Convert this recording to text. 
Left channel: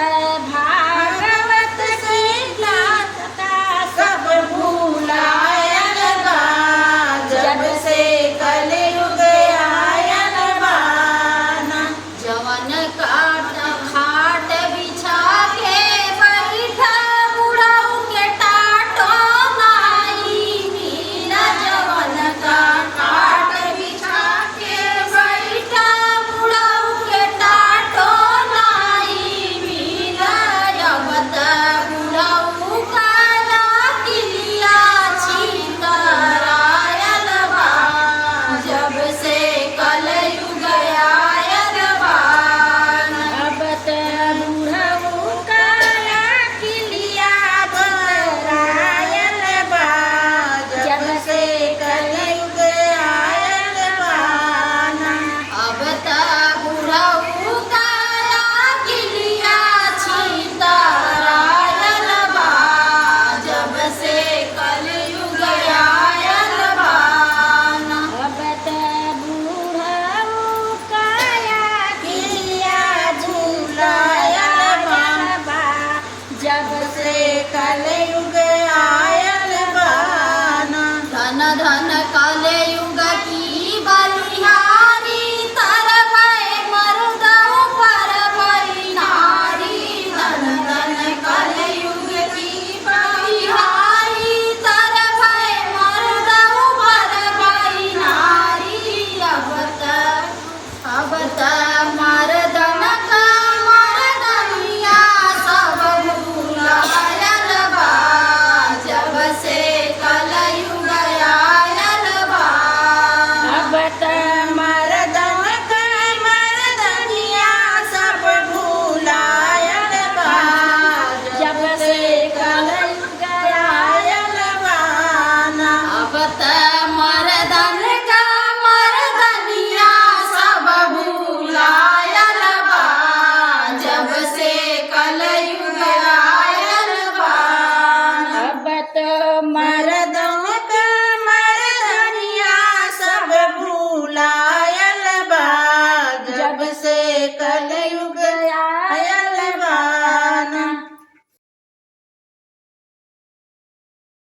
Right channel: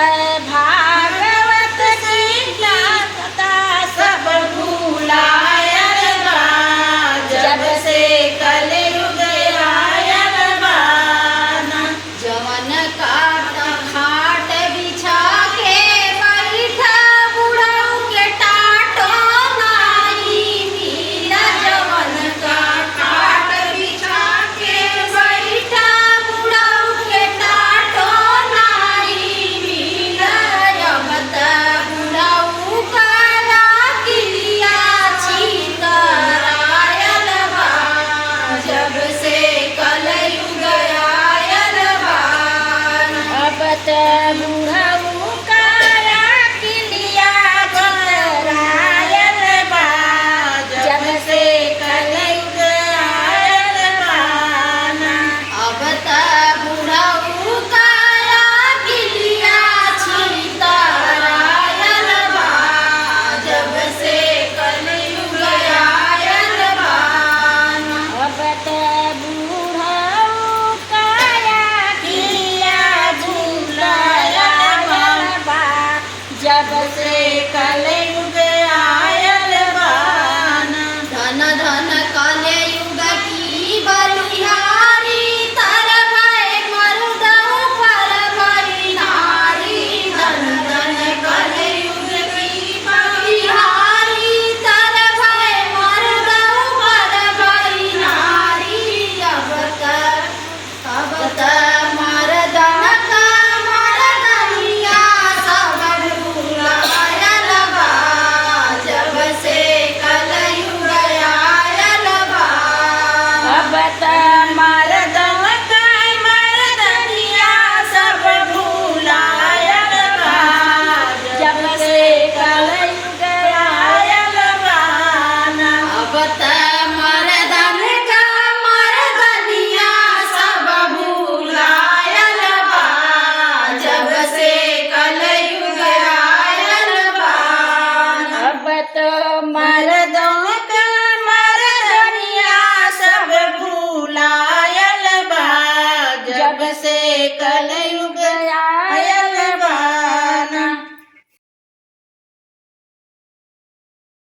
भागवत की ज्ञाता सब भूलायल बा। जब से कलयुग आयल बा ना। जवन काट खाट बिछा के बैठा बुढ़ऊ के टाटो नाई मिला। जवन का खाट बिछा के बैठा बुढ़ऊ के टाटो नाई मिला। अब त बुढ़ऊ काला किलिया छितरायल बा। जब से कलयुग आयल बा ना। अब त बुढ़ऊ काला किलिया छितरायल बा। जब से कलयुग आयल बा ना। अब त बुढ़ऊ काला किलिया छितरायल बा। जब से कलयुग आयल बा ना। अब त बुढ़ऊ काला किलिया झुलायल बा। जब से कलयुग आयल बा ना। धन धन कलयुग की बलिहारी तर भय मर्दऊ पर भई नारी। धन धन कलयुग की बलिहारी तर भय मर्दऊ पर भई नारी। अब त मर्दन का मर्दनिया सब भूलायल बा। जब से कलयुग आयल बा। अब त मर्दन का मर्दनिया सब भूलायल बा। जब से कलयुग आयल बा ना। अब त मर्दन का मर्दनिया सब भूलायल बा। जब से कलयुग आयल बा ना। अब त मर्दन का मर्दनिया सब भूलायल बा। जब से कल